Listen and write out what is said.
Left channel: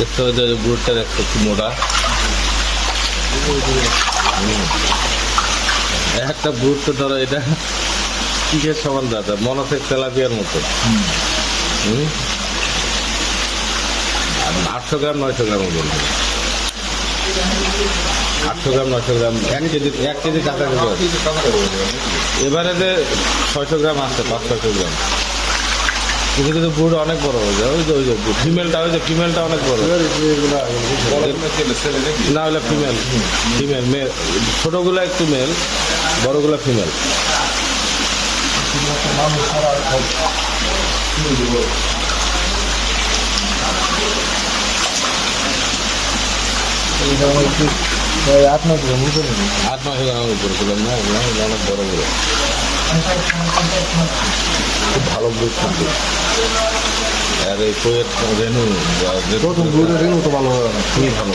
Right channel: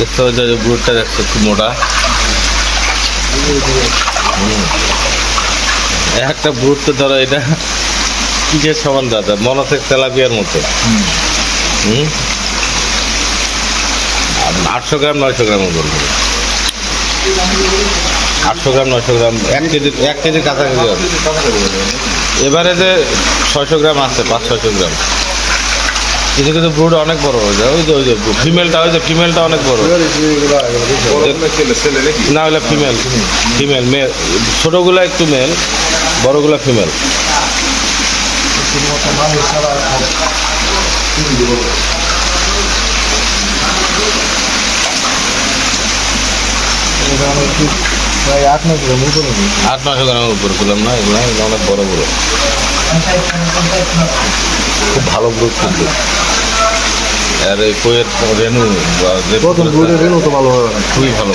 দেখতে পাচ্ছ যে ব্রুটটা দেখছ খুব মোটা। একটা ব্রুট তো ধরো এটা কিসের সমান দাদা? মনে হচ্ছে তেলাপিয়ার মতো। হুম। আটশো গ্রাম, নয়শো গ্রাম বলব। আটশো গ্রাম, নয়শো গ্রাম, এক কেজি, এক কেজির কাছাকাছি হবে। এবারে যে ছয়শো গ্রাম আছে, পাঁচ, ছয়শো গ্রাম। কিছু কিছু ব্রুড অনেক বড় হয়ে যায়। ওই যে ওই যে ফিমেলটা ওই যে ফিমেলটা অনেক বড়। না হলে ফিমেল ফিমেল মেল ছোটোগুলো একটু মেল বড়গুলো ফিমেল আট নয় গ্রাম উপরে আট নশো গ্রামের উপরে করলাম না এগুলো অনেক বড় বড়। খুব ভালো ব্রুড কিন্তু। আর এই কইয়ের রেনু প্রথম ব্রুডের রেনু তো ভালো খুবই ভালো।